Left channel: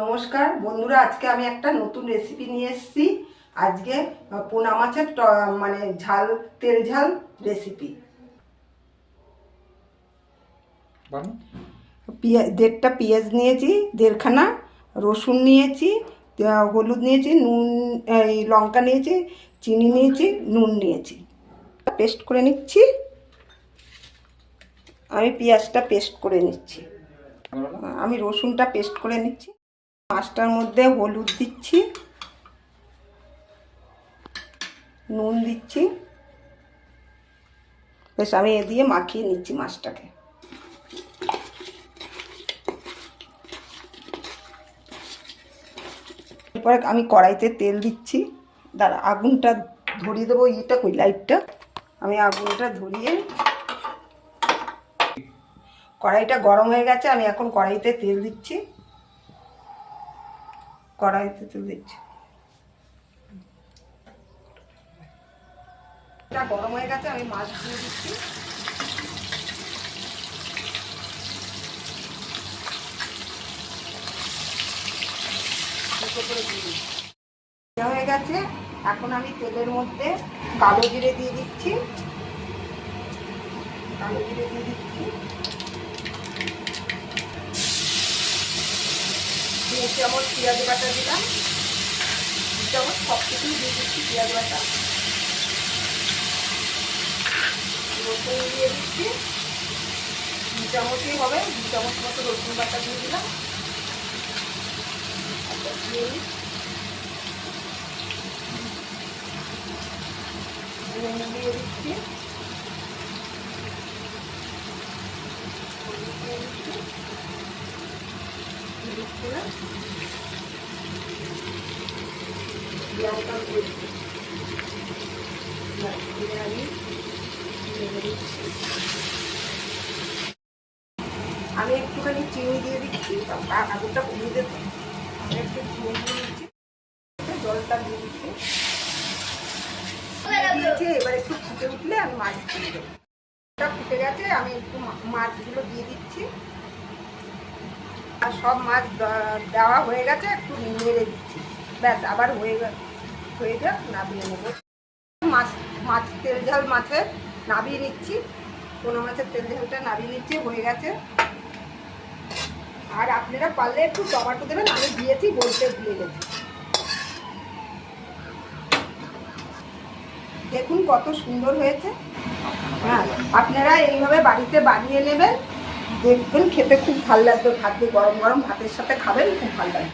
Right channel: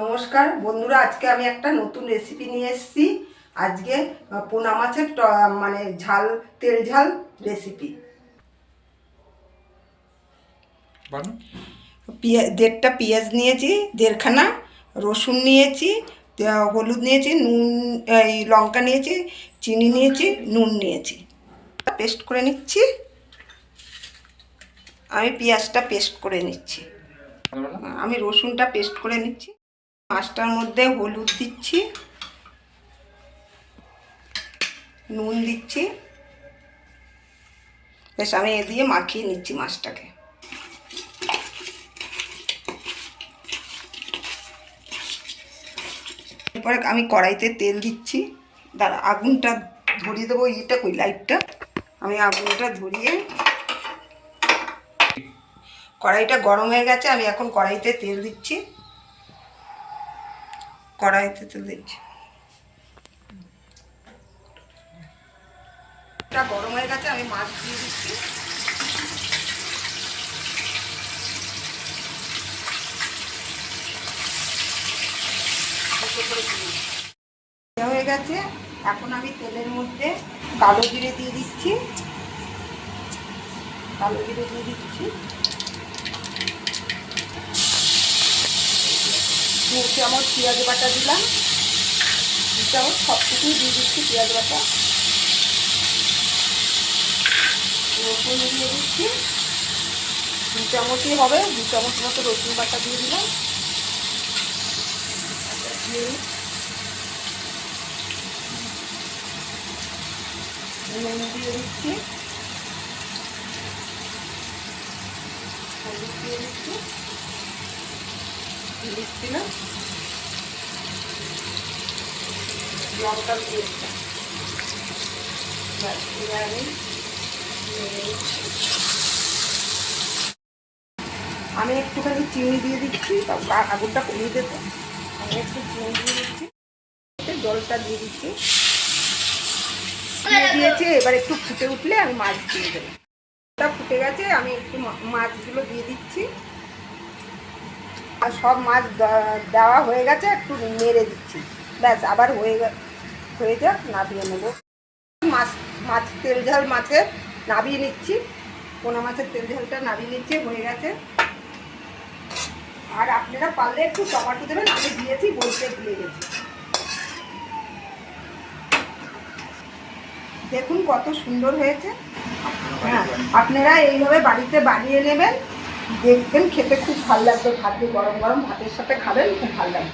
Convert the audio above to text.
নমস্কার বন্ধুরা, আজকে আমি একটা নতুন রেসিপি নিয়ে এসেছি। আজকে পোনা মাছের মানে ঝাল, তেল ঝাল রেসিপি। দেড়টা পেঁয়াজ নিয়েছি, দেড়খানা রসুন নিয়েছি, হলুদ নিয়েছি, নুন, এই লঙ্কা নিয়েছি, চিনি নিয়েছি, নুন নিয়েছি। পেস্ট করে নিচ্ছি। আমি পেঁয়াজটা পেস্ট করে নিচ্ছি। আমি রসুনটা পেস্ট করে নিচ্ছি। মাছটার মধ্যে হলুদ দিচ্ছি, নুন দিচ্ছি। বেশ আমি এ দিয়ে মাখিয়ে নিচ্ছি মাছটাকে। এরপরে আমি কড়াইতে তেল দিচ্ছি। দাঁড়া, আগুনটা ধরিয়ে দেবো। ইটা কই, লাইটটা। আমি আগুনটা ধরিয়ে, কড়াইটা গরম হয়ে গেছে। আমি এখন কড়াইতে তেল দিচ্ছি। কড়াইতে তেল দিচ্ছি। এটা গরম হয়ে গেছে, আমি মাছ দিয়ে দিচ্ছি। হয়ে গেছে। এখন আমি তেলের মধ্যে কালো জিরে দিয়ে দিচ্ছি। কালো জিরে দিয়ে দিচ্ছি, 2 চামচ পেঁয়াজ বাটা দিলাম। 2 চামচ সব কিছুই দিয়ে দিচ্ছি পেঁয়াজ বাটা। রসুন দিয়ে দিচ্ছি, 2 চামচই হবে। 2 চামচ মতো রসুন বাটা দিয়ে দিলাম। নুন দিয়ে দিচ্ছি, হলুদ দিয়ে দিচ্ছি, দিচ্ছি না, লঙ্কা দিয়ে দিচ্ছি। আমি একটুখানি চিনি দিয়ে দিচ্ছি, আগুনটা কমিয়ে দেবো। আমি একটু চিনি দিয়ে দিচ্ছি, জলটা দিয়ে দিচ্ছি। দিয়েছি, এবার একটু ফুটে উঠলে আমি মাছ দিয়ে দেবো। ফুটে গেছে, আমি একটু মাছগুলো দিয়ে দিচ্ছি। আর সব মাছ দেওয়া হয়ে গেছে, একটু নেড়ে দিচ্ছি। ব্যাস, আবার হয়ে যাক, নাবিয়ে নেব। মাছ তেল ঝাল মাছের নাবিয়ে নিচ্ছি। পোনা মাছের তেল ঝালটা নাবিয়ে নিচ্ছি, হয়ে গেছে। আর আপনারা পারলে একটু টমেটো দেবেন, আমি দিয়েছি, বলতে ভুলে গেছি। দেখুন কত সুন্দর হয়েছে। হ্যাঁ, আপনারা এইভাবে বাড়িতে বানিয়ে নেবেন, দেখবেন খেতে খুব ভালো লাগবে। ভাত দিয়ে গরম গরম ভাতের সাথে খাবেন, খুব ভালো লাগবে।